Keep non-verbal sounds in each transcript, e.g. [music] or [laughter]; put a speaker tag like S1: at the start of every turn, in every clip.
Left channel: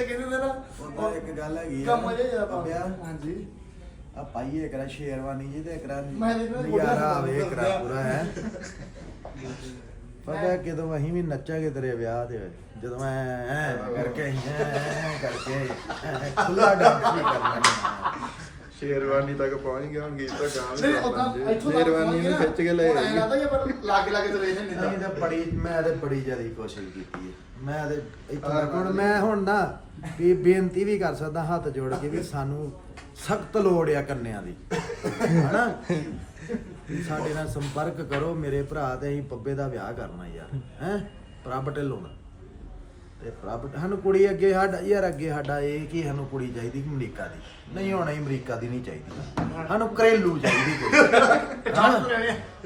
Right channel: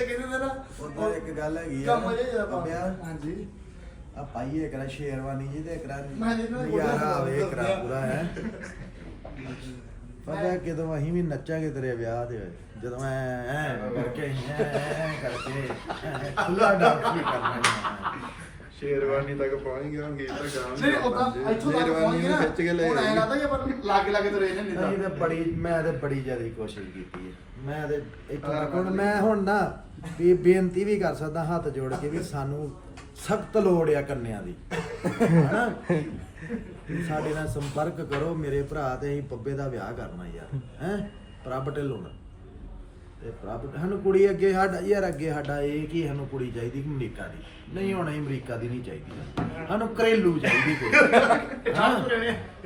S1: ਜਿੱਤੇ ਕਹਿੰਦੇ ਨੇ ਨਾ
S2: ਉਹਦਾ ਇੱਕ ਗੱਲ ਹੈਗੀ
S1: ਕੰਮ ਜੇ ਜ਼ਿਆਦਾ।
S2: ਬਾਬਿਆ,
S1: ਹਾਂਜੀ।
S2: ਆ ਪਾਈਏ ਕਰਾ ਸ਼ੇਰਵਾਨੀ ਜੀ ਤੇ ਕਰਾ
S1: ਮੈਂ ਦੇ
S2: ਨਜ਼ਾਰਾ ਆਵੇ ਕਰਾ ਪੂਰਾ ਹੈ। ਪਤਾ ਕਿਦੋਂ ਅਸੀਂ ਵੀ ਨੱਚਾਂਗੇ ਤੇਰੇ ਵਿਆਹ ਤੇ ਜਦੋਂ ਐ ਐ ਕਰਕੇ ਐ ਕਰਕੇ ਖੁੱਲਾ ਡਾਂਸ ਵੀ ਕਰਨਾ ਹੈ।
S3: ਸ਼ੇਰਵਾਨੀ ਤੱਕ ਪਹੁੰਚ ਗਿਆ ਹੁਣ ਗੀਤ ਤਾਂ ਗਾਣ
S1: ਨਹੀਂ ਉਦਾਂ ਇੱਥੋਂ ਤੱਕ
S3: ਸ਼ੇਰਵਾਨੀ ਨੂੰ ਖਿੱਚ ਕੇ ਲੈ
S1: ਹੁਣ ਐਂ
S3: ਆਈ।
S1: ਲੱਗਦਾ ਕਿ ਆਪਾਂ ਲਾਗੇ ਲਾਗੇ ਤੁਰੇ
S2: ਅਸੀਂ ਤਾਂ। ਬੜੀ ਮੈਂ ਤੇ ਬੜੀ ਜ਼ਿਆਦਾ ਕੋਸ਼ਿਸ਼ ਕੀਤੀ ਹੈ। ਮੈਂ ਤੇ ਇੱਥੋਂ ਤੱਕ ਹੁਣ ਮੈਂ ਹੁਣ ਨਾ ਵੀ ਬੇਨਤੀ ਵੀ ਕਰ ਸਕਦਾ ਹੱਥ ਜੋੜ ਕੇ ਵੀ ਸਾਨੂੰ ਸਖਤ ਲੋੜ ਆ ਕੰਨਿਆਂ ਦੀ। ਹਨਾ? ਸਾਡੇ ਨਾਲ ਸੰਪਰਕ ਕਰੋ ਮੇਰੇ ਭਰਾ ਤੇ ਅਸੀਂ ਪੱਬੇ ਦਾ ਵਿਆਹ ਕਰਨਾ ਯਾਰ ਹੈ? ਪ੍ਰਭ ਢਿੱਲੋਂ ਨਾਲ। ਤੇ ਪ੍ਰਭ, ਸਾਨੂੰ ਕੁੜੀ ਅੱਗੇ ਸਾਡਾ, ਯਾਰ ਅੱਗੇ ਸਾਡਾ ਇਹ ਕਿ ਸਾਨੂੰ ਕੁੜੀ ਚਾਹੀਦੀ ਅਮਰੀਕਾ ਦੀ। ਨਹੀਂ ਹੋਣਾ ਅਸੀਂ ਅਮਰੀਕਾ ਦੀ ਨਹੀਂ ਚਾਹੀਦੀ। ਸਾਨੂੰ ਘਰੇਲੂ ਚਾਹੀਦੀ ਕੁੜੀ। ਹਨਾ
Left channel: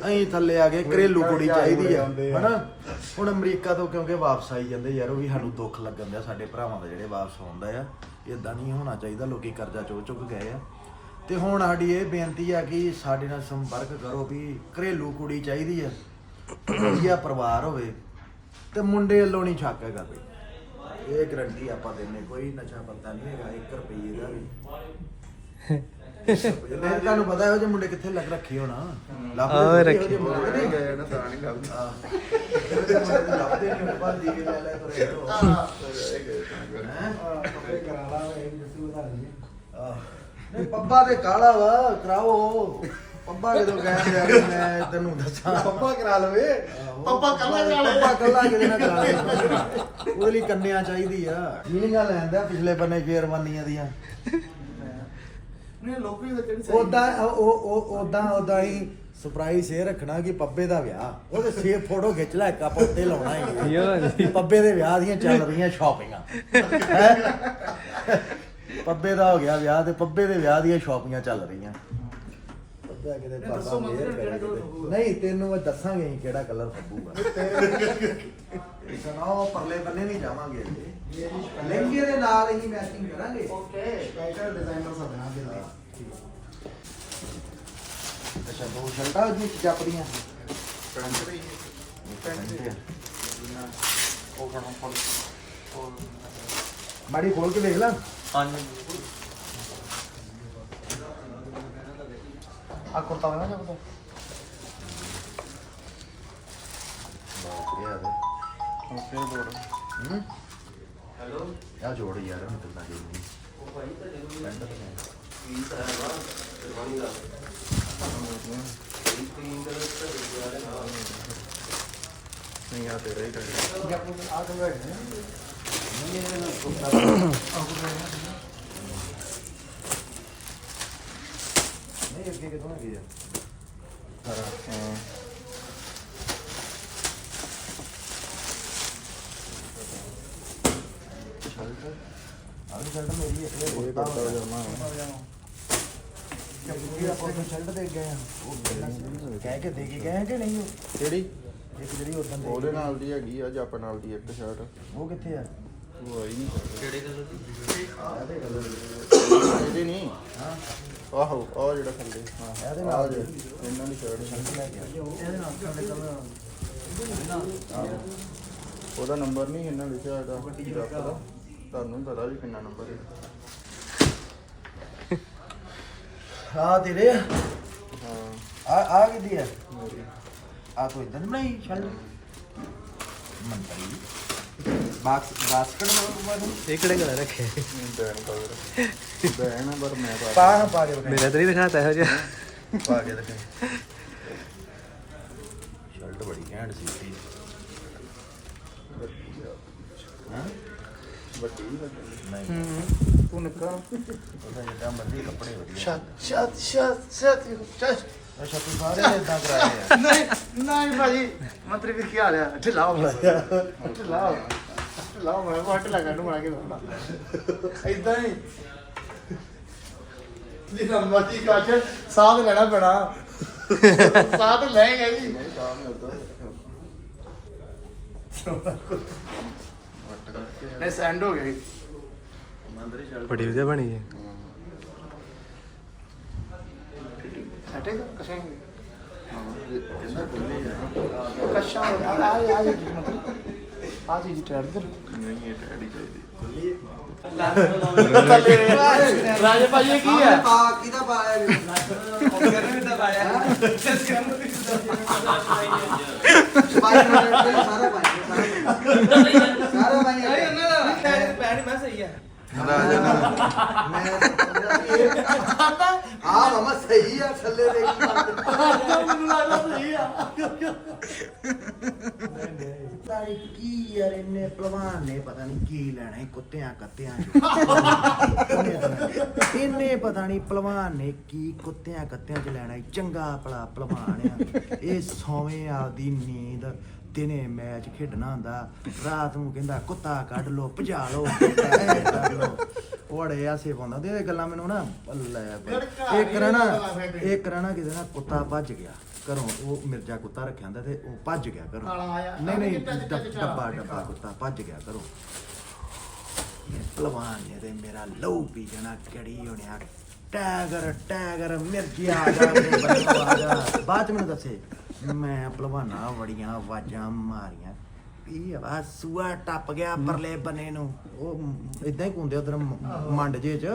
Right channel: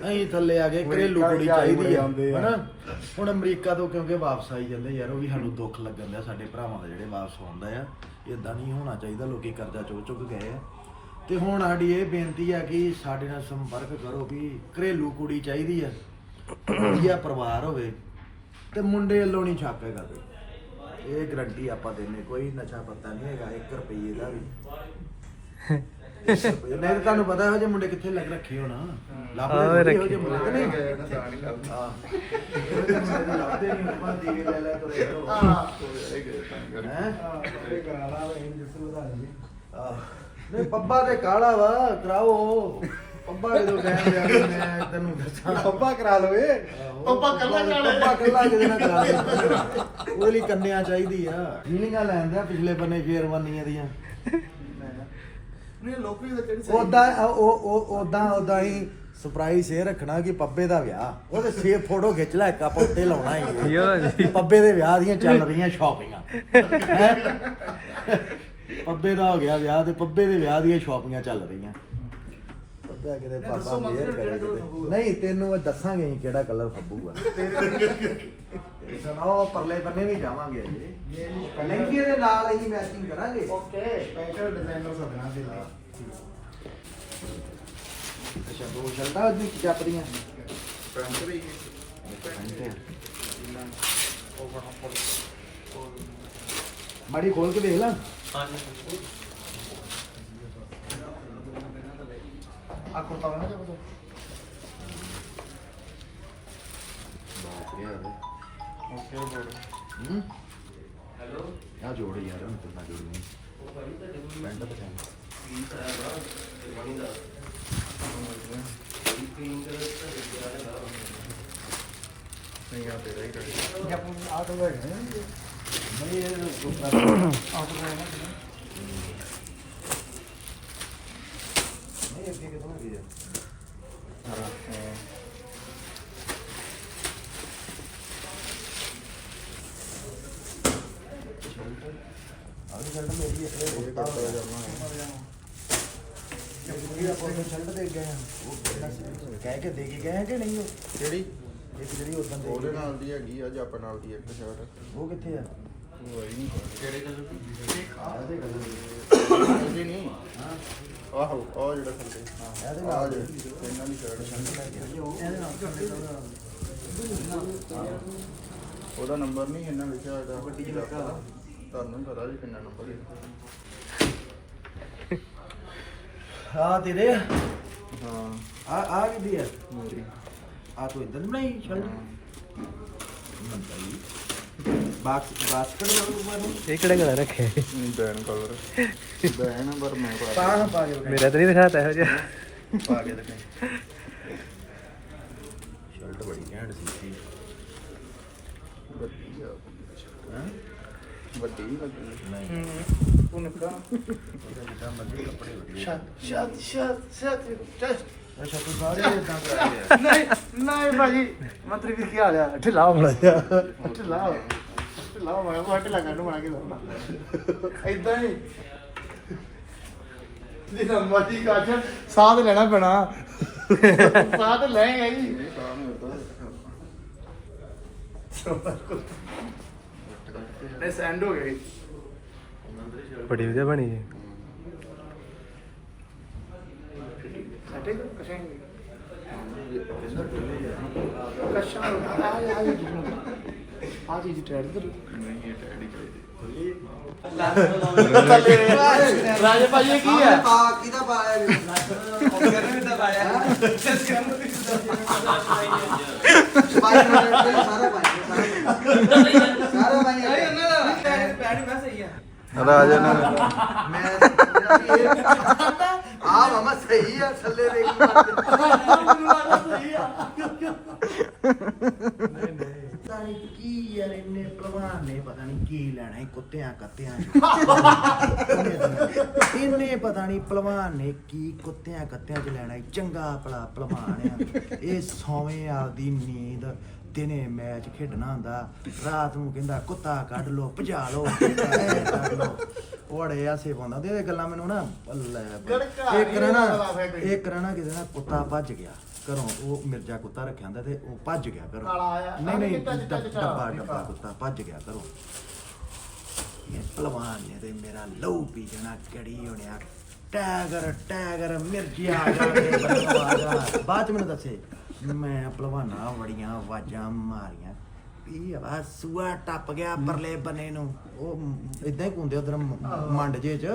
S2: ਅਸੀਂ ਥੱਲੇ ਆ ਗਏ ਘਰੇਲੂ ਕੁੜੀ ਚਾਹੀਦੀ ਆ। ਹਨਾ? ਹੁਣ ਅਮਰੀਕਾ ਤੋਂ ਕਿਉਂਕਿ ਵਾਪਸ ਆਈ ਜਾਂਦੇ ਯਾਰ, ਉਹ ਵੀ ਸਾਨੂੰ ਦੁੱਖ ਲੱਗਣ ਦਾ ਸਾਡੇ ਭਰਾਵਾਂ ਦਾ ਜਿਹੜੇ ਵਾਪਸ ਆਉਂਦਾ ਆ। ਇਦਾਂ ਨਹੀਂ ਹੋਣਾ ਚਾਹੀਦਾ, ਲੋਕੀ ਕਰਜ਼ਾ ਚੁੱਕ ਚੁੱਕ ਗਏ ਆ। ਤੇ ਹੁਣ ਸਾਡੀ ਇਹ ਬੇਨਤੀ ਆ ਕਿ ਸਾਡੇ ਨਾਲ ਸੰਪਰਕ ਕਰੋ ਵੀ ਘਰੇਲੂ ਕੁੜੀ ਚਾਹੀਦੀ ਆ। ਵਧੀਆ ਪਰਿਵਾਰ ਹੋਵੇ ਤੇ ਮੁੰਡੇ ਵੱਲੋਂ ਨਹੀਂ ਛੱਕ ਹੈਗਾ ਕੋਈ ਇਹ ਗਰੰਟੀ ਆਪਾਂ ਦਿੰਨੇ ਕੋਈ ਨਸ਼ਾ ਪੱਤਾ ਨਹੀਂ ਹੈਗਾ 1 ਰੁਪਏ ਦਾ ਵੀ। ਨਹੀਂ ਤੁਹਾਨੂੰ ਪਤਾ ਇਹੋ ਜਿਹੇ ਮੁੰਡੇ ਕਿੱਥੇ ਲੱਗ ਰੱਖੇ ਹੋਣਾ। ਲੱਭਦੇ
S4: ਹਾਂ,
S2: ਥੋੜ੍ਹੀ
S4: ਰੱਖੇ।
S2: ਇਹੋ ਨਹੀਂ
S3: ਗਿਆ ਨਾ। ਤਾਂ ਨਹੀਂ ਲੱਗਦਾ
S2: ਇਹੋ ਲੱਭਦੇ ਨਹੀਂ ਆਪਾਂ ਦੀ ਲੈ ਲੈ ਤੁਰੇ ਰਹੋ
S3: ਇਹ ਗਏ ਤਾਂ ਕਰਕੇ।
S2: ਆਹ, ਨਹੀਂ ਪੱਬਾ ਤੇ ਕਾਲਾ ਵਾ ਕਰਾਓ। ਪੱਬਾ ਜਦੋਂ ਕਹਿੰਦੇ ਯਾਰ ਮੈਂ ਤੈਨੂੰ ਦੱਸਾਂ।
S3: ਪੱਪਾ ਕਰਾ ਲਵੇ।
S1: ਪੱਬਾ ਕੱਲਾ ਕਾਲਾ।
S2: ਪੱਬਾ ਕੱਲਾ ਕਿਤੇ ਨਾ ਕਰਾ ਦੇ ਉਹਦੇ ਲਈ ਕੰਨਿਆ ਚਾਹੀਦੀ ਆ। ਫੀਲਿੰਗਾਂ ਲੈਂਦਾ ਪਿਛਲੇ ਬੰਨੇ ਸ਼ੇਰਵਾਨੀਆਂ ਦੀਆਂ?
S1: ਨਹੀਂ ਲੋਕੀ ਦਾ ਕਿਹੜੀ ਸਹੀ
S2: ਉਦਾਂ ਉਹ ਉਹ ਉਦਾਂ ਉਦਾਂ ਹੀ ਸਰਪ੍ਰਾਈਜ਼ ਇਹ ਰੱਖਣਾ ਕਿ ਪੱਬੇ ਦਾ ਵਿਆਹ। ਉਹਦੇ ਸੇ ਫੋਟੋ ਖਿੱਚ ਲੈ ਕੱਪ ਉੱਤੇ ਲਾਉਣਾ ਹੀ ਪੱਬੇ ਦੇ ਵਿਆਹ ਦੀਆਂ ਚੱਲ ਰਹੀਆਂ ਸ਼ਾਪਿੰਗਾਂ? ਪੱਬੇ ਦਾ ਹੋ ਗਿਆ ਵਿਆਹ ਤੇ ਪੱਬੇ ਦੇ ਵਿਆਹ ਦੀਆਂ ਸ਼ਾਪਿੰਗਾਂ ਚੱਲ ਰਹੀਆਂ। ਕਿਤੇ ਪਾਪਾ ਮੇਰ ਕਰੇ ਕਿਤੇ।
S1: ਫੱਬੂਗਾ?
S2: ਨਹੀਂ ਤੈਨੂੰ ਇਹ ਦੱਸਾਂਗੇ ਅਸੀਂ ਕਿਹੜਾ ਕਲਰ ਫੱਬੂਗਾ ਸੁਣੋ ਪਰਲੇ ਬੰਨੇ ਵੀ ਜਾਵਾਂਗੇ ਜੀ ਲਹਿੰਗੇ ਦੇ ਨਾਲ ਹੀ ਮੈਚਿੰਗ ਕਰਾਂਗੇ।
S1: ਓਕੇ। ਸਪੈਸ਼ਲ ਡਿਜ਼ਾਈਨਰ ਸੱਜਣਾ ਦੇ ਲਈ
S2: ਅੱਛਾ ਦੋ ਸ਼ਰਟਾਂ ਉਹਦੀ ਚੱਪਦੀਆਂ
S3: ਪੈਂਟ ਵੀ
S2: ਮਾੜੀ ਖੋਲ ਕੇ ਦੇਖ ਲਾ।
S1: ਆ ਕੁਰਤਾ ਨਾ ਕਿਆ ਪਤਾ
S3: ਓਕੇ ਬੋਲ
S2: ਹੂੰ ਹੈਲੋ ਆ ਜੋੜ ਯਾਰ ਹੁਣ ਤੱਕ ਲੱਗੇ ਨਹੀਂ ਪੈਂਟ ਤਾਂ ਨਹੀਂ
S3: ਨਹੀਂ ਆ ਤੇਰੇ ਹੀ ਕਰੇ
S1: ਜੱਪੂ ਆ ਤਾਂ ਹੋਏ ਨੇ
S2: ਨਹੀਂ ਇਹ
S1: ਆ ਤਾਂ ਹੋਏ ਨੇ
S2: ਕਿਥੋਂ ਲੱਗੀ ਆ।
S3: ਸਾਰਾ। ਹਾਂ
S2: ਆਹ ਸ਼ਰਟ ਮੇਰੀ ਹੈ ਇਹ ਕੁੱਤਾ ਹੋ ਗਿਆ ਜੱਪੂਗੀ ਆਪਾਂ ਨੂੰ ਸ਼ਰਟ ਦੇ ਗਏ ਆ ਉਹ ਕਹਿ ਕੇ ਦੇ ਕੇ ਗਏ ਕਿ ਨਹੀਂ ਉਹ?
S3: ਕਿਹੜੀ?
S2: ਇੱਕ ਜਿਹੜੀ ਉਦੋਂ ਦੇ
S3: ਉਹਦੇ ਨਾਲ ਦੀ ਹੈਗੀ ਆ ਜੱਪ ਨਾਲ ਦੀ ਇੱਕ ਸ਼ਰਟ
S2: ਉਹ ਕਿੱਥੇ ਆ?
S3: ਉਹ ਆਈ ਨਹੀਂ ਕਿਹੜੇ ਕਲਰ ਦੀ?
S2: ਇਹਦੇ ਕੋਲ
S3: ਇਹਦੀ ਨਹੀਂ।
S2: ਹਾਂ।
S3: ਆਹੋ ਆ ਜਿਹੜਾ ਥੱਲੇ ਹਾਂ
S2: ਇਹਦੇ ਨਾਲ ਦੇ।
S3: ਇਹਨਾਂ ਦੀ ਸ਼ਰਟ
S2: ਸ਼ਰਟ ਲੈ ਕੇ ਆ
S1: ਇਹਦੇ ਨਾਲ ਸਾਡੇ ਕੋਲ
S3: ਉਹਦਾ ਨੰਬਰ ਨਹੀਂ ਇਹਨਾਂ ਲਿਖਿਆ ਹੈਗਾ।
S2: ਗੱਡੀ 'ਚ ਰੱਖਿਆ ਵਾ।
S3: ਤੁਹਾਨੂੰ ਨੀ ਪਤਾ ਵੀ ਕਿੰਨਾ ਨੰਬਰ ਹੈ।
S2: ਆ ਤੇਰੇ। ਆ
S3: ਹਾਂ।
S2: ਆ ਆ ਕਿਹਦੀ ਆ
S3: ਮੇਰੀ।
S2: ਆ ਤੂੰ ਇਦਾਂ ਨਹੀਂ ਸ਼ਰਟ ਮੰਤਰੀ ਬਾਕਸ ਬਾਸਕਟ ਨਾਲ ਨੂੰ
S4: ਇਹ ਕਿਹੜਾ ਕਲਰ ਰੱਖਿਆ
S3: ਬੈਨ ਕਲਰ ਬੈਨ ਪਰ ਮੈਂ ਪਾ
S2: ਪਾ ਅੱਛਾ ਤੂੰ ਸਾਰੇ ਇਦਾਂ ਕਰਾ ਕੇ
S1: ਨਹੀਂ ਨਹੀਂ ਭਾਜੀ ਮੰਤਰੀ ਵੀ ਕੀ ਹਾਲ ਆ? ਢਿਲਾ ਹੋ ਗਿਆ ਢਿਲਾ ਹੋ ਢਿਲਾ ਹੋ ਗਿਆ ਉਹ ਢਿਲਾ ਕਰਨ ਬਣਾ ਕੇ ਦਉਂਦਾ ਇਦਾਂ ਹੀ। ਜਿੰਨਾ ਮਰਜ਼ੀ ਕਾਜ ਸਾਥ ਲੈਣਾ ਪੈਣਾ। ਸਾਥ ਲੈਂਗੇ ਜੀ।
S3: ਨਹੀਂ ਤਾਂ ਨਹੀਂ ਹੁੰਦਾ
S1: ਇਹ ਸੈਂਡ ਹੋ ਗਈ
S4: ਬੜੀ ਵਧੀਆ ਬਣੀ ਹੈ
S1: ਸੱਟੇ ਕਸ਼ਾਂ
S3: ਹੈ
S1: ਕਸ਼ਾਂ ਆ ਆ ਆ ਜੀ ਟਰੈਡ
S3: ਨਹੀਂ ਇਹ ਟੈਡੀ ਚਾਹੀਦੀ
S1: ਰਾਜੇ ਇਹ ਕੀ ਹੈ
S2: ਪਾ ਕਿਹਦਾ ਪਾਇਆ ਵੀ ਪਾਇਆ ਸਾਰਾ ਪਾਇਆ ਸਾਰਾ ਪਾਇਆ
S3: ਰਾਜੇ ਨੇ
S2: ਆ ਮਮਾ ਸਹੀ ਆ, ਥੱਲੇ ਦੇ ਪਤਾ ਨਹੀਂ ਕੀ ਯਾਰ ਇਹਨੇ ਭਲਵਾਨ ਨੇ ਪਤਾ ਨਹੀਂ ਕੀ ਲੈਣਾ ਹੈ ਕੁੱਤਿਆਂ ਕੱਤਿਆਂ ਚ। ਇਹਨੇ ਪਤਾ ਨਹੀਂ ਭਲਵਾਨ ਨੇ ਕੀ ਕੁੱਤਿਆਂ ਕੱਤਿਆਂ ਚ ਲੈਣਾ ਹੈ ਚੰਗਾ ਭਲਾ ਭਲਵਾਨ ਆ। ਇਹ ਸੌਵੇਂ ਆਪਦੀ ਨੀਂਦ ਦਿਨੇ ਮੈਚ ਖੇਡਣਾ ਹੁੰਦਾ। ਰਾਤ ਨੂੰ ਕਹਿੰਦਾ ਕੁੱਤਾ ਕੱਢ ਲੋ ਭਜਾ ਲੋ ਐ ਕਰ ਲੋ ਉਹੜੇ ਆਸੇ ਪਾਉਂਦਾ। ਤੇ ਇਹ ਗੱਲਾਂ ਮੈਨੂੰ ਨਾ ਲੈ। ਇੱਕ ਰਹਿਣਾ ਇੱਕ ਰਹਿਣਾ ਕਿਤੇ ਨਾ ਕੁੱਤਾ ਭੱਜ ਗਿਆ। ਘਰੋਂ ਉਹ ਮਿਰਜ਼ਾ ਕੁੱਤਾ ਰੱਖਿਆ ਹੁੰਦਾ ਤੇ ਉਹ ਭੱਜ ਗਿਆ ਘਰੋਂ। ਨਹੀਂ ਨਹੀਂ ਡੱਬ- ਡੱਬਾ ਕੁੱਤਾ ਭੱਜ ਗਿਆ ਘਰੋਂ। ਇਹ ਭਲਵਾਨ ਨੇ ਤੇ ਮੇਰਾ ਲਹੂ ਪੀ ਜਾਣਾ ਕੜੀ ਹੋਣਿਆ। ਟੈਗਰ ਟੈਗਰ ਮਿਰਜੀ ਆ ਜਾ ਤੇ ਆ ਜਾ। ਬਾਅਦ ਮੈਨੂੰ ਦੱਸੇ। ਮੈਂ ਭਲਵਾਨਾ ਬੜੀਆਂ ਆਵਾਜ਼ਾਂ ਮਾਰੀਆਂ। ਵੀ ਆ ਸੂਆ ਟੱਪ ਗਿਆ ਪਰਲੇ ਬੰਨੇ ਨੂੰ। ਉਹ ਇਦਾਂ ਹੀ ਕੁੰਦੇ ਉਧਰ ਮੰਡ ਜੇ ਚ।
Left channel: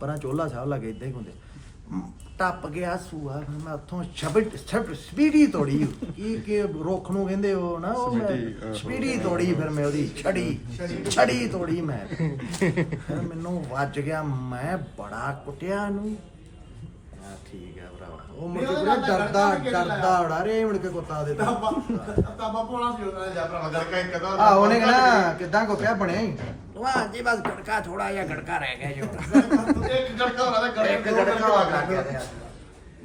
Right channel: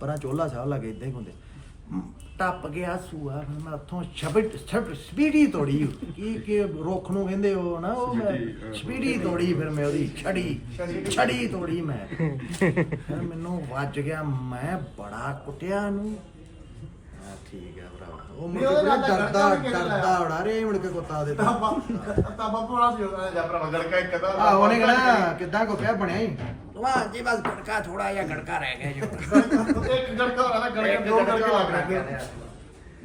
S2: ਪਰਾਂ ਚੋਲਾ ਸਾਹਿਬ ਲੱਗੇ ਇਦਾਂ ਹੀ ਮ, ਟੱਪ ਗਿਆ ਸੂਆ। ਮੈਂ ਉੱਥੋਂ ਸ਼ਬਦ ਸਪੀਡੀ ਤੋੜੀ। ਕੀ ਕੀ ਰੁੱਖ ਨੂੰ ਕਹਿੰਦੇ ਉਹ ਨਾ ਉਹ ਮੈਂ ਸਪੀਡੀ ਤੋੜੀ ਫਿਰ ਮੈਂ ਉਹਦੀ ਛੜੀ। ਛੜੀ। ਤੋੜੀ ਮੈਂ। [laughs] ਫਿਰ ਮੈਨੂੰ ਵੱਜ ਗਿਆ। ਮੈਂ ਬੜਾ ਕੁੱਟਿਆ ਨੂੰ ਆ ਠੀਕ ਹੈ ਭਰਾਵਾ। ਉਹ ਮੁੜ ਕੇ ਪੂਰਾ ਡਰਦਾ ਡਰਦਾ ਉਡਾ ਰੇ ਮੁੜ ਕੇ ਕੁੱਤਾ ਦੇ ਤਾਂ।
S1: ਤਾਬਾ ਪੁਰਾਣਾ ਸੀ ਉਹਨਾਂ ਨੇ ਜਾ ਭਰਾ ਦਲ ਕਾ ਇੱਕ ਦਾ
S2: ਆ ਉਹਨੇ ਕਹਣਾ ਕਿੱਦਾਂ ਕੁੱਤਿਆ ਬਣਿਆ ਹੀ ਵਾਹ ਜੀ ਬਸ ਗੜਕਾ ਥੋੜਾ ਜਿਹਾ ਗੜਕਾ ਰਹਿ ਗਿਆ ਜੋ
S1: ਇੱਕ ਗੜਕਾ ਹੋਣਾ ਤਾਂ
S2: ਇੱਕ
S1: ਗੜਕਾ ਦੋ ਗੜਕਾ ਲੱਗ ਰਿਹਾ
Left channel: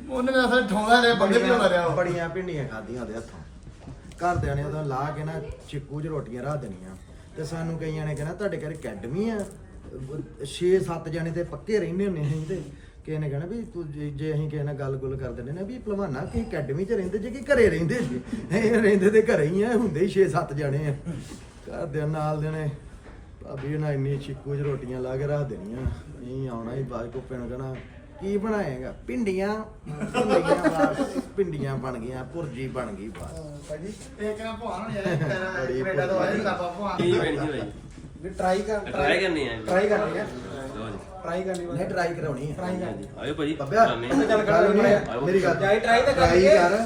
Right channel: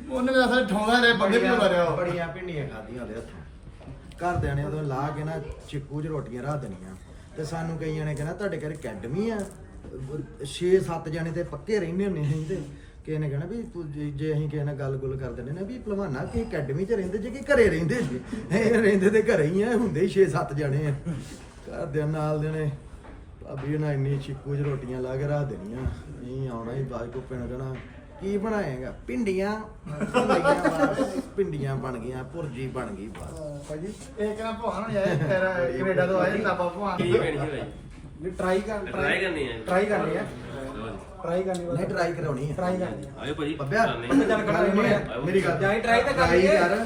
S1: ਉਹਨੇ ਵੀ ਅਸਲ ਠਾਉਂਦਾ ਰਿਹਾ ਬੰਦੇ ਵੀ ਹੁੰਦਾ ਰਿਹਾ ਉਹ।
S2: ਬੜੀਆਂ ਪਿੰਡੀਆਂ ਖਾਧੀਆਂ ਉਹਦੇ ਹੱਥੋਂ। ਘਰਦਿਆਂ ਨੇ ਉਦੋਂ ਲਾ ਕੇ ਨਾ ਚਿੱਕੂ 'ਚ ਰੋਟੀਆਂ ਰੱਖ ਦੇਣੀਆਂ। ਤੇ ਸਾਨੂੰ ਕਈਆਂ ਨੇ ਕਹਿਣਾ ਤੁਹਾਡੇ ਘਰ ਅਕੈਡਮੀ ਆ। 6-7 ਜਣੇ ਤੇ ਪੱਕੇ ਰਹਿੰਦੇ ਹੁੰਦੇ ਅਸੀਂ ਤੇ। ਕਿਸੇ ਨੇ ਕਹਿਣਾ ਵੀ ਤੂੰ ਜੇ ਜੇ ਅਸੀਂ ਕਿਸੇ ਨਾਲ ਗੱਲ-ਗੁੱਲ ਕਰ ਦਿੰਦੇ ਨੇ ਵੀ ਭਲਵਾਨਾ ਕਿ ਅਕੈਡਮੀ 'ਚ ਰਹਿੰਦੇ ਜੇ ਕਿ ਘਰੇ ਰਹਿੰਦੇ ਜੀ? ਇਹ ਰਹਿੰਦੇ ਤੇ ਘਰੇ ਹੀ ਆ ਹੁੰਦੇ ਹੀ 6-7 ਜਣੇ ਆ। ਘਰਦਿਆਂ ਨਾਲ ਦੇ ਨੇ। ਭਾਬੀ ਇਹਨਾਂ ਇੰਨੀ ਚਿੱਕੂ 'ਚ ਰੋਟੀਆਂ ਲਾ ਕੇ ਰੱਖ ਦੇਣੀਆਂ। ਅਸੀਂ ਆਉਣਾ ਹੀ ਬਾਅਦ ਕੋ ਪੈਣ ਕਹਿਣਾ ਕੀ ਬਣਾਏਗਾ? ਪਿੰਡੀਆਂ ਪਿੰਡੀਆਂ ਬਸ ਪਿੰਡੀਆਂ ਬਣ ਗਈਆਂ ਭੁਰਜੀ ਬਣ ਗਈ ਬਸ।
S1: ਭਾਜੀ ਇਹ ਕਿਹੜਾ ਭਵਾਨ ਹੋਣੀ ਆਇਆ ਕੈਨੇਡਾ ਤੋਂ ਆਇਆ ਤਾਬਾ ਭਵਾਨ
S5: ਟਰਾਈ ਕਰ
S6: ਟਰਾਈ ਕਰਨੀ ਹੈ
S5: ਟਰਾਈ ਕਰਨੀ ਹੈ ਟਰਾਈ ਕਰਨੀ
S2: ਨਹੀਂ ਟਰਾਈ ਕਰਾਉਣੀ ਹੈ
S5: ਟਰਾਈ ਕਰਨੀ
S6: ਆਇਓ ਭਾਜੀ।
S2: ਬੱਬਿਆ
S5: ਚੱਲ ਕਰ
S2: ਗੱਲ
S5: ਲੈਂਦੇ ਆ।
S2: ਹੈ। ਮੇਰੀ ਗੱਲ
S5: ਜਾਈ try ਤਾਂ।
S2: ਕਰ।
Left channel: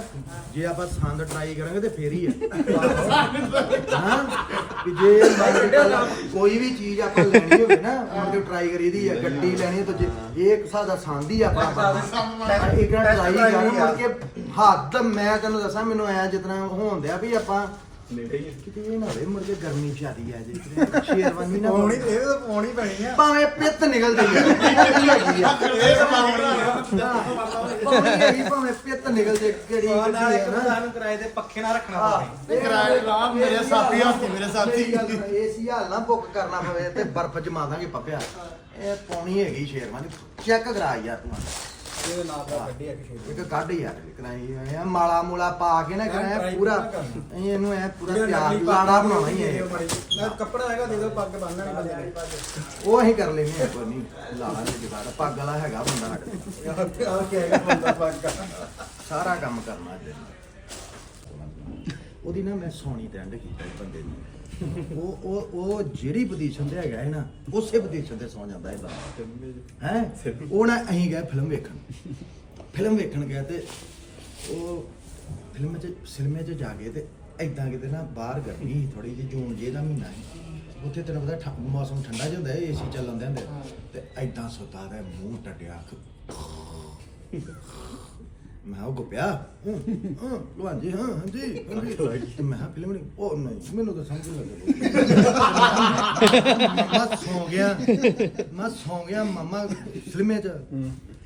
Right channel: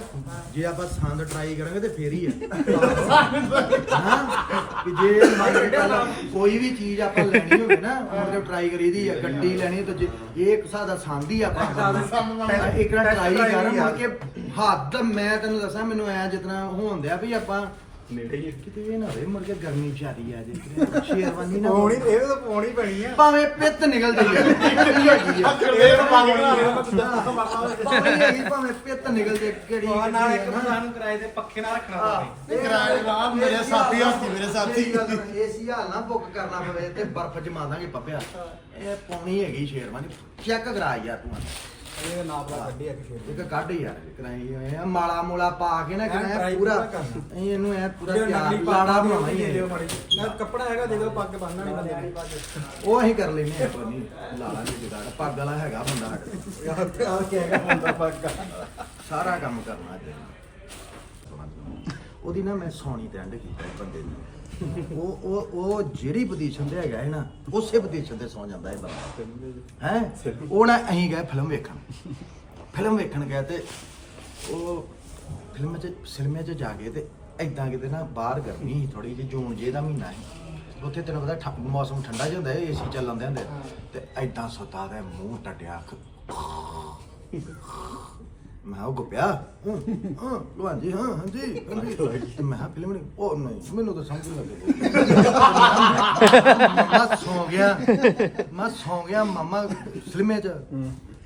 S2: ਜੇ ਆਪਾਂ ਸੰਦ ਟਰਾਈ ਕਰਾਂਗੇ ਤੇ ਫੇਰ ਹੀ ਹੈ ਹਾਂ? ਕਿ ਜੇ ਮੰਨ ਕੇ ਚੱਲ ਕੋਈ ਵੀ ਚੀਜ਼ ਆਪਾਂ ਲੈਣੀ ਹੋਵੇ ਨਾ ਮੁੜ ਕੇ ਟਰਾਈ ਕਰੀਦੀ ਹੈ ਗੱਡੀ ਲੈਣੀ ਹੈ ਤਾਂ ਜੇ ਇਹ ਇੱਕ ਹਿਸਾਬ ਦਾ ਸੰਦ ਹੀ ਆਪਾਂ ਬਣਨਾ ਇੱਕ ਨਾ ਟਰਾਈ ਕਰ ਮੁੜ ਕੇ ਹੱਦ ਮੈਂ ਤੈਨੂੰ ਦੱਸਾਂ ਮੈਨੂੰ ਐ ਜਿਤਨਾ ਹੋਣ ਦਿਆ ਵੀ ਆਪਾਂ ਨੇੜੇ ਹੀ ਕਿਤੇ ਇਹ ਨਾ ਹੋਵੇ ਮੁੜ ਕੇ ਗਰਮੀ ਜ਼ਿਆਦੀ ਆ ਜੇ ਕਿਤੇ ਸ਼ੇਰਵਾਨੀ ਨਾ
S5: ਪੌਣੀ
S2: ਪਾਉਣੀ।
S5: ਇਹ ਤਾਂ ਪੌਣੀ ਪੈਣੀ ਆ।
S2: ਭਾਵੇਂ ਪਿੱਤ ਨਿਕਲ ਜਾਈ ਯਾਰ ਕੀ ਹੈਗੀ ਆ।
S1: ਇਹ ਪਾਉਣੀ
S2: ਭਾਵੇਂ ਹੈਗੀ ਭਾਵੇਂ ਪਿੱਤ ਨਿਕਲ ਜੇ ਕਿਹੜੀ
S5: ਨਾਲ ਇੱਕ
S2: ਨਾ।
S5: ਸਾਨੂੰ ਕਿਰਾਏ ਤੇ ਪੱਖੇ ਨਾਲ ਰੱਖਣਾ ਪਵੇ
S1: ਕਿਰਾਏ ਰਾਮ ਮੇਰੇ ਸਾਥੀ ਹਾਥੀ ਮੇਰੇ ਸਾਥੀ।
S2: ਏਸੀ ਹਾਲ ਨਾ ਬੁੱਕ ਕਰਨਾ ਪਵੇ ਤੇ ਬਰਫ਼ ਜਮਾ ਦਾਂਗੇ ਪੱਪਿਆ ਇਹ ਪੌਣੀ ਹੈਗੀ ਸ਼ੇਰਵਾਨੀ ਚੈੱਕ ਕਰਾ ਯਾਰ ਤੂੰ
S5: ਇਹਦੇ ਨਾਲ ਦਾ ਗੱਡੀ ਆ ਕਿਸੇ
S2: ਇੱਕ ਕੱਢ ਯਾਰ ਕਰਾਈ ਆ ਮਾਲਾ ਮੂਲਾ ਪਾ ਕੇ ਨਾ
S5: ਹਾਂ,
S2: ਕਰਾਇਆ
S5: try
S2: ਪੂਰਾ
S5: ਪੂਰਾ ਕਰਨਾ।
S2: ਅਸੀਂ ਇਹਨੂੰ ਐ ਪੂਰਾ ਤਿਆਰ ਲਾੜਾ ਬਣਾਉਣਾ ਹੀ ਹੈ
S5: ਮੈਂ ਕੱਪੜਾ ਹੈਗਾ ਦੇ ਦਿਓ ਪੱਗ ਬੰਨਣਾ ਨਹੀਂ ਬੰਦੇ ਨੇ
S2: ਉਹ ਅਸੀਂ ਕਰ ਲੈਨੇ ਆ ਕੋਈ ਨਹੀਂ ਜੁਗਾੜ ਪੱਗ ਵਾਲਾ ਹੈਗਾ ਬੰਦਾ ਸਾਡੇ।
S5: ਆ ਕੇ
S2: ਸਾਰਾ ਕੰਮ ਕਰਨਾ ਅੱਜ। ਉਹਦੀ ਨਾ ਮੈਂ ਸੌਣੀ ਤੇ ਐਂਡ ਕੀਤਾ ਬੰਦੇ ਦੀ ਉਹ ਉਹ ਉਹ ਜਿਹੜੀ ਪੋਜੀਸ਼ਨ ਤੇ ਹੈਗਾ ਹੈ ਨਾ ਉਸੇ ਪੋਜੀਸ਼ਨ ਤੇ ਸੌ ਜਾਂਦਾ ਹੈ ਬੰਦਾ। ਹੈ? ਉਹ ਨਾ ਅਸੀਂ ਗਏ ਫਿਲਮ ਵੇਖਣ। ਫਿਲਮ ਵੇਖਣ ਗਏ ਤੇ ਉਹ ਫਿਲਮ 'ਚ ਸਿਨੇਮੇ 'ਚ ਜਾ ਕੇ ਤੇ ਐਦਾਂ ਕਿਤੇ ਨਾ ਬਾਹਰ ਗਰਮੀ ਸੀ ਥੋੜੀ ਜਿਹੀ, ਜੂਨ ਜੇ ਦਾ ਮਹੀਨਾ ਸੀ। ਉੱਥੇ ਤੈਨੂੰ ਪਤਾ ਮੌਸਮ ਠੰਡਾ ਜਿਹਾ ਹੁੰਦਾ ਹੈ ਏਸੀ ਚੱਲਣ ਦੇ ਹੁੰਦੇ। ਤੇ ਐਦਾਂ ਸੁੱਤਾ ਦਾ ਮੂੰਹ ਟੱਟਿਆ ਮੈਂ ਉਹ ਗੁੱਪਿਆ ਹਾਂ ਹਾਂ ਲੋਹਾਂ ਜੀ ਹਾਂ ਹਾਂਜੀ ਹਾਂਜੀ ਮੈਂ ਕਿਹਾ ਫਿਲਮ ਨਹੀਂ ਉਹ ਨਹੀਂ ਮੈਨੂੰ ਤਾਂ ਸਮਝ ਨਹੀਂ ਲੱਗਦਾ ਮੈਂ ਸੌ ਗਿਆ ਮੈਂ ਸੌ ਗਿਆ ਮਾਮਾ ਫਿਲਮੇ ਚ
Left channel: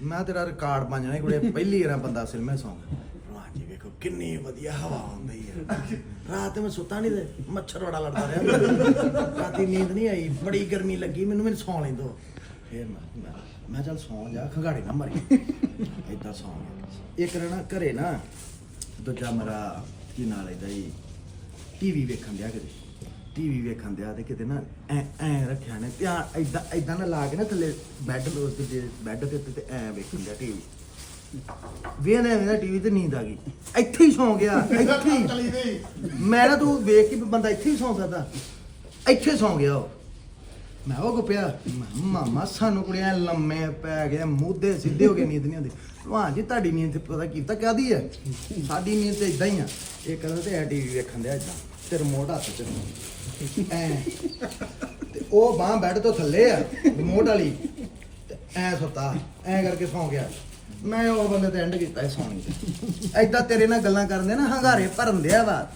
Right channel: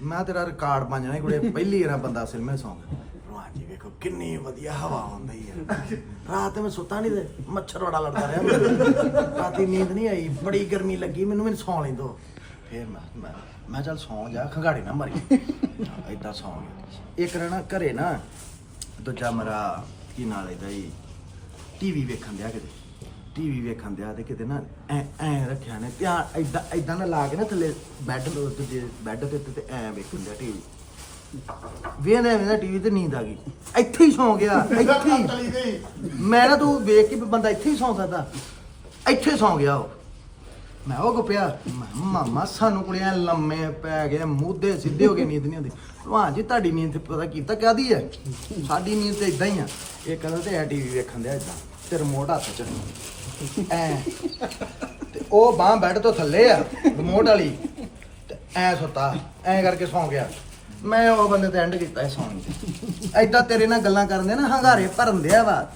S2: ਮੈਂ ਤੇਰਾ ਰਿਕਾਰਡ ਬਣ ਜਾਣਾ ਕੁੜੇ ਪਹਿਲੀ ਵਾਰ ਬੰਦਾ ਫਿਲਮੇ ਸੌ ਗਿਆ ਲੋਹਾਂ ਜੀ ਵੇਖੋ ਕਿੰਨੀ ਵਧੀਆ ਹਵਾ ਆਉਂਦੀ ਹੈ ਰਾਤ ਮੈਂ ਸੁੱਤਾ ਨਹੀਂ ਤੇ ਮੱਛਰ ਬੜਾ ਲੜਦਾ ਰਿਹਾ। ਰਾਤੀ ਨੀਂਦ ਨਹੀਂ ਆਈ ਬੜੀ ਗਰਮੀ ਲੱਗੀ ਮੈਨੂੰ ਮੈਨੂੰ ਸੌਂ ਲੈਂਦੋ। ਫੇਰ ਮੈਂ ਮੈਂ ਮੈਂ ਚੱਲ ਸੌਂ ਜਾ ਖੰਗਾੜੇ ਨਾ ਮਰੀ [laughs] ਏਦਾਂ ਸੌਂ ਗਿਆ। ਇੱਕ ਰਹਿਣਾ ਘਰੇ ਨਾ ਦੂਜਾ ਮਰਾ ਕੀ ਨਾਲ ਇਹਦਾ ਹੀ ਟੀਵੀ ਵੇਖਣ ਦਿਆ ਕਿਤੇ। ਟੀਵੀ ਵੇਖਣ ਦਿਆ ਤੇ ਕਿਤੇ ਨਾ ਐ ਐ ਰੱਖਿਆ ਨੇ। ਧਿਆਨ ਏਦਾਂ ਏਦਾਂ ਨਾ ਲਾ ਕੇ ਨਾ ਥੱਲੇ ਬੈੱਡ ਦੂਜੇ ਬੈੱਡ ਤੇ ਤੇ ਐ ਵੇਖਣ ਦਿਆ ਟੀਵੀ ਵੇਖਦੇ ਵੇਖਦੇ ਟੀਵੀ ਤੇ ਨੀਂਦ ਆ ਗਈ। ਇੱਥੇ ਹੀ ਸੌਂ ਗਿਆ ਇੱਥੇ ਹੀ। ਮੈਂ ਨਾ ਤੂੰ ਵੇਖ ਕੇ ਬੰਦਾ ਇੱਥੇ ਹੀ ਸੌਂ ਸਕਦਾ। ਇੱਥੇ ਸੌਂ ਗਿਆ ਉਹ। ਮੈਂ ਉਹ ਗੁੱਪਿਆ ਮੈਂ ਕਿਹਾ, ਮਾਮਾ ਸਾਨੂੰ ਕੁੜੀਆਂ ਲੰਮੇ ਪੈ ਗਏ ਮੂਧੇ ਸਿੱਧੇ ਹੋ ਗਏ ਨੀਂਦ ਨਹੀਂ ਆਉਂਦੀ। ਭਲਵਾਨ ਜੀ ਤੁਹਾਡੀ ਨੀਂਦ ਪਤਾ ਕੀਤਾ ਕਾਦੀ ਹੈ ਸਾਡੀ ਨੀਂਦ ਤੇ ਇਦਾਂ ਹੀ ਆ। ਇਹ ਕਹਿੰਦਾ ਤੇ ਟੀਵੀ ਵੇਖਣ ਦਿਆ ਇਦਾਂ ਤੇ ਰਿਮੋਟ ਹੱਥ 'ਚ। ਐ। ਤੇ ਉਹ ਬਾਹ ਬੈੱਡ ਤੋਂ ਥੱਲੇ ਆ ਰਿਮੋਟ ਵਾਲੀ। ਤੇ ਐ ਸੁੱਤਾ ਐ ਕਰਕੇ ਸੌਂ ਗਿਆ। ਮੈਂ ਉਹ ਬੰਦੇ ਤੇ ਐਂਡ ਕੀਤਾ ਇਹ ਸੌਣ ਤੇ ਐਦਾਂ ਤੇਰੇ ਨਾਲ ਗੱਲਾਂ ਕਰਨ ਦੇ ਨਾ ਹੰਗਾਰੇ ਭਰਨ ਦਿਆ ਵਾ।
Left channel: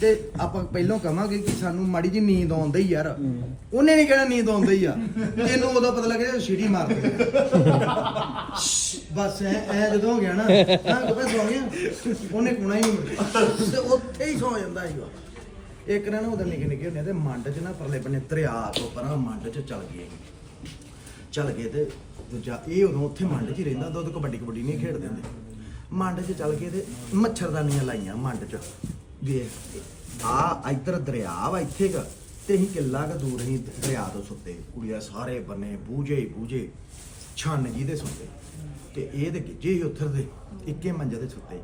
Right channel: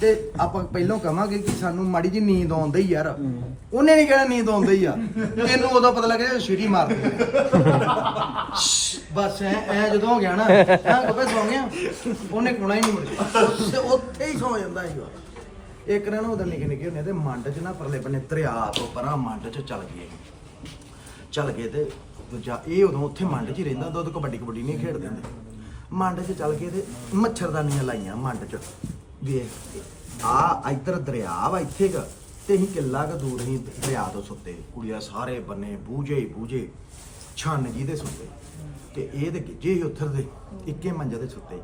S2: ਤੇ ਆਪਾਂ ਪਹਿਲਾਂ ਕਵਾਂਗੇ ਕਿ ਸਾਨੂੰ ਮਾੜੀ ਜੀ ਨੀਂਦ ਆਉਂਦੀ ਯਾਰ। ਉਹਨੇ ਨਹੀਂ ਕਹਿਣਾ ਨੀਂਦ ਆਉਂਦੀ ਆ। ਤੈਨੂੰ ਉਦੋਂ ਪਤਾ ਲੱਗਿਆ ਜਦੋਂ ਸੀਟੀ ਮਾਰਦੀ ਆ। ਬਸ ਐ ਐ ਜਦੋਂ ਹੋ ਗਿਆ ਨਾ ਹਾਂ ਕਬੇ ਸੌਂ ਗਿਆ। ਉਹਨੇ ਕੋਣਾ ਹੀ ਨਹੀਂ ਮੁੜਿਆ। ਤੇ ਉੱਥੇ ਹੀ ਸੌ ਜਾਂਦਾ ਸੀ ਉਹ। ਇੱਕ ਦਿਨ ਉਹਦੇ ਨਿੱਕੇ ਨਿੱਕੇ ਹੁੰਦੇ ਤੇ ਮੰਡ 'ਚ ਨਾ ਪਰਲੇ ਬੰਨੇ ਦਰਿਆ ਤੋਂ ਪਰਾਂ ਮੰਡ 'ਚ ਚੱਲ ਗਏ ਚੱਲ ਗਏ ਤੇ ਦੂਜਾ ਇਹ ਉਦੋਂ ਉੱਥੇ ਮੰਡ 'ਚ ਹੀ ਰਹਿੰਦਾ ਦੁੱਧ ਕਬੱਡੀ ਕਬੱਡੀ ਨਹੀਂ ਖੇਡਦੇ ਹੁੰਦੇ। ਮੰਡ 'ਚ ਚੱਲ ਗਏ ਤੇ ਮੱਛਰਦਾਨੀਆਂ ਲਾਈਆਂ ਮੰਡ 'ਚ। ਵੇਖ, ਆ ਇੱਧਰ ਦਰਿਆ ਵਾ ਇੱਥੇ ਕ, ਤੇ ਅਸੀਂ ਕਿੱਲਾ ਕ ਦੂਰ ਅਸੀਂ ਦਰਿਆ ਤੋਂ ਸੁੱਤੇ। ਕੁੜੀਆਂ ਸਾਰੇ ਬੰਨੇ ਬੂਝੇ ਹੀ ਬੂਝੇ ਛੰਨ ਜੀ ਦੇ ਸੁੱਤੇ। ਤੇ ਇਹ ਤੇ ਗਿੱਜੇ ਹੀ ਉੱਥਰ ਦੇ ਇੱਕੇ ਮੰਜੇ ਤੇ ਸੁੱਤੇ।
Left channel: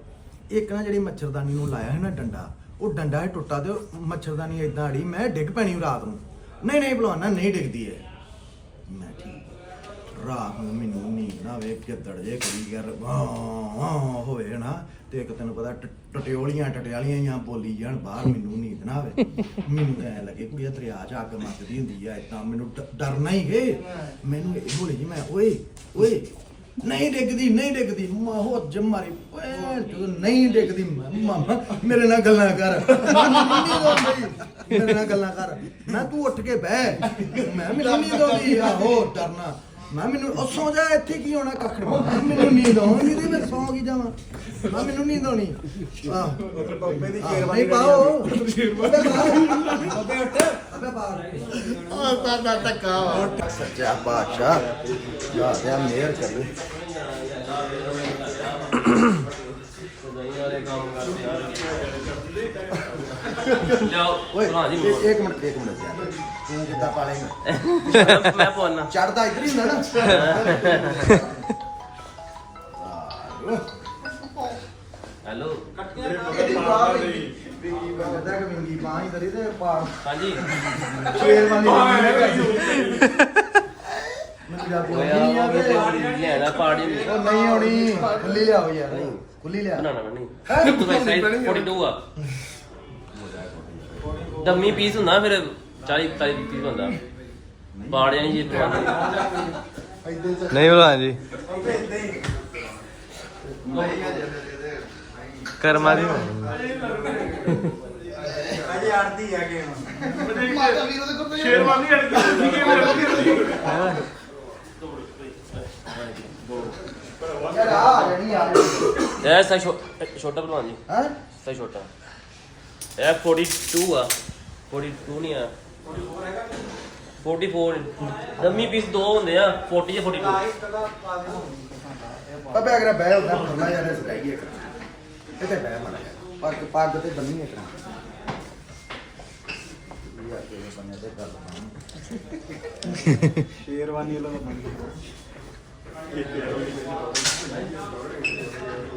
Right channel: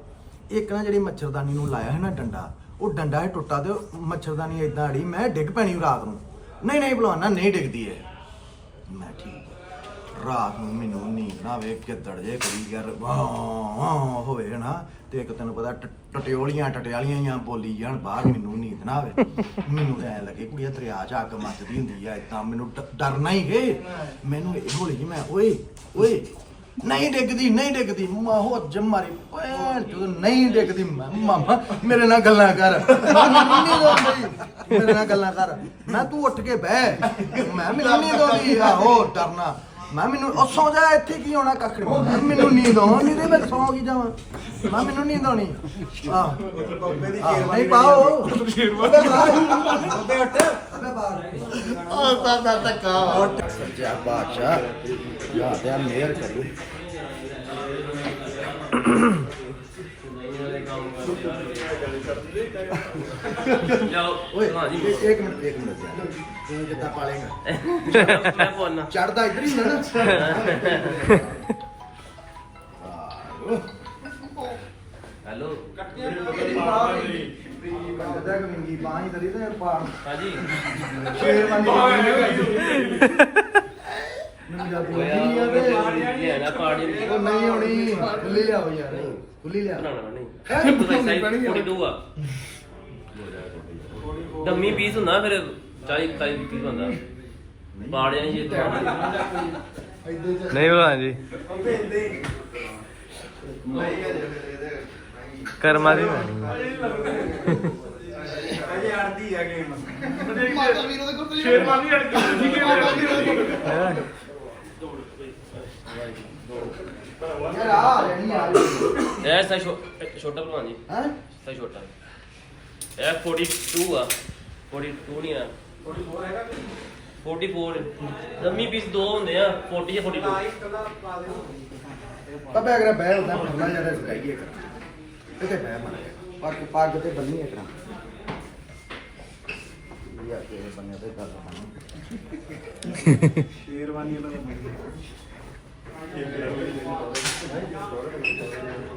S2: ਇੱਕ ਨਾ ਜਿਹੜੀ ਮੱਛਰਦਾਨੀ ਨੂੰ ਲਾਇਆ ਹੈ ਨਾ ਡੰਡਾ, ਉਹ ਡੰਡਾ ਹੀ ਟੁੱਟਾ ਤੇ ਉਹ ਮੱਛਰਦਾਨੀ ਇਦਾਂ ਅੜੀ, ਮੈਂ ਡਿੱਗ ਪੈਣੀ ਰਾਤ ਨੂੰ। ਨਹੀਂ ਨਹੀਂ ਭਲਵਾਨਾ, ਨਹੀਂ ਡਿੱਗਦੀ ਹੈ ਮੈਂ ਠੀਕ। ਰਾਤ ਨੂੰ ਮੈਨੂੰ ਨੀਂਦ ਨਾ ਆਵੇ ਕਿੱਦੜ ਜੇ ਕਰੀ ਯਾਰ ਵਾਹ ਹੋਵੇ ਨਾ ਤੇ ਇੱਕ ਤੈਨੂੰ ਪਤਾ ਟ- ਟਟਿਓਲੀਆਂ, ਟਟਿਆਲੀਆਂ ਜਾਂ ਬੋਲੀ ਜਾਣ ਬਾਹਰ ਮੈਨੂੰ ਨੀਂਦ ਨਾ ਆਵੇ। ਮੈਨੂੰ ਐ ਲੱਗੇ ਕੁੜੀਆ ਦਰਿਆ ਚ ਅੱਗ ਮੱਚਦੀ ਹੁੰਦੀ ਆ ਇਦਾਂ ਮੈਨੂੰ ਡ- ਡਰਨਾ ਹੀ ਗਏ ਮੈਨੂੰ ਇਹ ਹੌਲੀ ਜੀ ਮੈਂ, ਓਏ ਓਏ, ਨਹੀਂ ਡਿੱਗਦੀ ਨਹੀਂ ਡਿੱਗਦੀ ਮਾਹੋ ਜਮਾਰੀ ਪੈਰ ਜਦੋਂ ਨਹੀਂ ਡਿੱਗਦੀ, ਮੈਂ ਮਾਮਾ, ਮੇਰੇ ਨਾਲ ਗੱਲਾਂ ਕਰ। ਮੈਨੂੰ ਨਹੀਂ ਦੋਂਦੀ ਮੇਰੇ ਨਾਲ ਗੱਲਾਂ ਕਰ। ਮੈਂ ਤੂੰ ਉੱਠ ਕੇ ਬਹਿ। ਮੈਂ ਮੈਨੂੰ ਨਹੀਂ ਦੋਂਦੀ ਆਹੋ, ਡਰਨਾ। ਮੈਂ ਮੈਨੂੰ ਉਹ ਸੌ ਜਾ ਇੱਥੇ ਕੀ ਹੋਣਾ ਕੱਖ ਨਹੀਂ ਮੈਂ ਮੈਨੂੰ ਨੀਂਦ ਨਹੀਂ ਤੇ ਮੈਂ ਸੌ ਕੀ ਜਾਵਾਂ? ਮੈਂ ਮੈਨੂੰ ਨੀਂਦ ਆਉਣੀ। ਹਾਂ। ਆਹ, ਨਹੀਂ ਪਾਓ। ਬੱਬੇ ਉੱਠ ਬੱਬੇ ਬਾਹਰ
S1: ਉਹ ਤਾਂ ਦਾ ਧੱਕਾ ਵਾ।
S2: ਸੱਚਾ ਬਾਦਸ਼ਾਹ ਜਾ ਤੇ ਮਿਹਰ ਕਰ। ਲੂ ਓਏ ਇੱਕ ਇੱਕ ਮਿੰਟ ਇੱਕ ਮਿੰਟ। ਤੂੰ ਕਿੱਦਾਂ ਪਾਲੇਗਾ ਚੜਦਾ ਇਧਰ ਹੀ ਹੁੰਦਾ ਨਾ।
S6: ਹੈਲੋ।
S2: ਕੰਜਦਾ ਕਿ ਵਿੰਗੀ ਬਾਹ ਹੀ ਦਰੀ ਤੇ ਪਾਰ
S6: ਹਾਂਜੀ।
S2: ਸ਼ੇਰ ਬੰਦੀ ਜਾਂਦੀ ਨਹੀਂ
S6: ਵੀ
S2: ਉਹ ਨਹੀਂ ਹੋਣੀ। ਖੁੱਲੀ ਲਿਆਓ ਯਾਰ। ਖੁੱਲੀ ਲਿਆ।
S6: ਬਣਾਉਣਾ ਨਹੀਂ
S2: ਹੈਂ?
S6: ਤੂੰ ਵੈਸੇ 42 ਆ ਦਮੀ ਪੀਸ ਹੁੰਦਾ ਫਿਰ 40 40 ਪੀਸ ਹੁੰਦਾ ਪਾੜਿਆ ਜੀ ਇੱਥੇ
S4: ਨਹੀਂ ਭਲਵਾਨ ਜੀ। ਕਰਮਾ ਦੀ ਹੋਣੀ।
S1: ਮਾਤਾ ਵੀਰੋ ਦੇ ਕੋਲ ਸ਼ੇਰਵਾਨੀ
S4: ਹੈ?
S2: ਯਾਰ ਆ ਜਾਨੀ ਆ
S6: ਇਹ ਸਾ ਛੋਟਾ ਬਣਵਾ ਜੀ
S2: ਹੈ?
S6: ਸਾ ਛੋਟਾ। ਇਹ 42 ਆ। 42 ਨਹੀਂ ਆ। 44 ਹੈਗਾ 44 ਦਮੀ ਪੀਸ ਦੋ ਹੁੰਦੇ ਆ 40 ਜਾਂ 42
S2: ਪੱਪੇ ਅਗਰ ਬਹਿ ਹੁੰਦਾ ਫਰਨਾ ਯਾਰ ਸਕਾਈਏ ਕਰ ਇੱਥੇ ਬਹਿ ਮਾੜਾ ਯਾਰ ਪੱਗ ਪੱਗ ਤੇ ਬੰਨੀ ਹੈ ਕਰਾਂ ਯਾ ਕੇ ਬੰਨੇ ਤੇ ਕਰ ਲਾਂ
S3: ਸ਼ੇਰਵਾਨੀ ਵਾਲਾ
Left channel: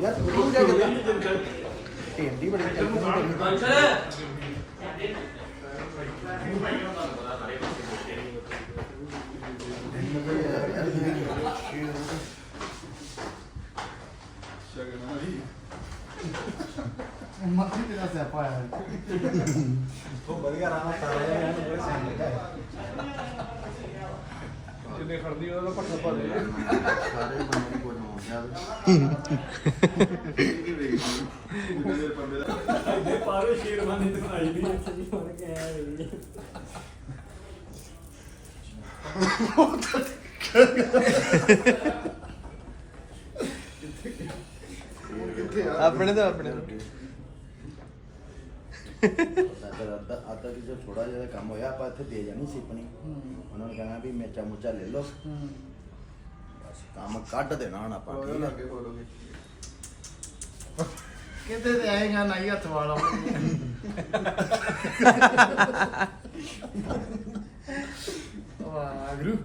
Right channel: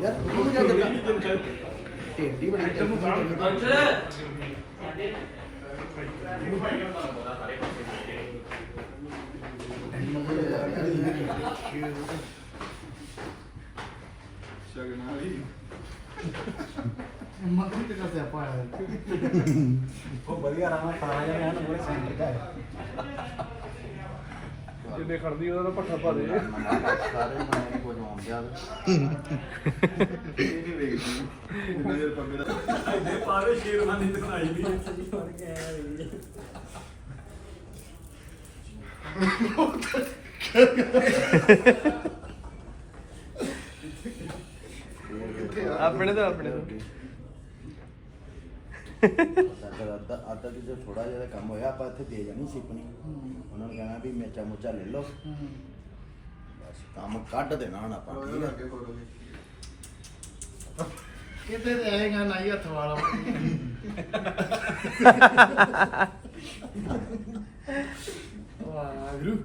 S2: ਯਾਰ ਤੂੰ ਜਾ ਕੇ ਢੇਂਡੀ ਬੜੀ
S1: ਮੱਖੀ ਤੇ ਦਾ ਸਿਆਪਾ ਆਇਆ
S5: ਉਹ ਵਧੀਆ ਜਾਂ ਪੂਰੇ ਸੈਨ ਲਿਖਾ ਹੈ।
S3: ਜਿੰਨੇ ਖੜਦੀ ਉਹਦਾ ਪੱਠਾ ਦੇ
S2: ਸਾਰੇ ਬੰਦੇ ਨੂੰ ਕੁਝ ਆਉਣ ਜਾਵੇ।
S3: ਇਹ ਨਹੀਂ ਵੇਖਦੀ ਜਿੰਨਾ ਚਿਰ ਪੰਮੇ ਦਾ
S5: ਪਾਰੇ ਸ਼ੇਰਵਾਨੀ ਦਿਖਾਈ ਨਹੀਂ
S4: ਆਪਣੇ ਤੋਂ ਆਪਣੇ ਤੋਂ। [laughs]
S2: ਅੱਧਾ ਅੱਧਾ ਅੱਧਾ ਕਿ ਜੋ ਥੋੜਾ ਜਿਹਾ ਕੰਮ ਹੋਇਆ ਆਪਾਂ ਇੱਥੇ ਦੇ ਜਾਣੀ ਸਿਪਣੀ ਉਹਨਾਂ ਨੇ ਕਹਿਣਾ ਵੀ ਮੇਚਾ ਮੁੱਚਾ ਲੈ ਲਓ। ਬਸ ਕੰਮ ਕੱਢ ਦੇਣਾ ਹੁਣ ਆਪਾਂ ਠੀਕ ਹੈ
S3: ਅੱਗੇ ਖੋਲੋਗੇ
S1: ਕਿਤੇ ਤੇ ਆਏਗਾ ਨਾ ਹੀ ਹੱਥ ਵਾਲਾ। ਵਾਹਿਗੁਰੂ।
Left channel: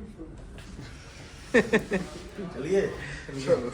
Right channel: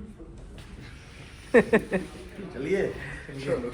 S2: ਚਲਿਏ।
S3: ਚਲੋ।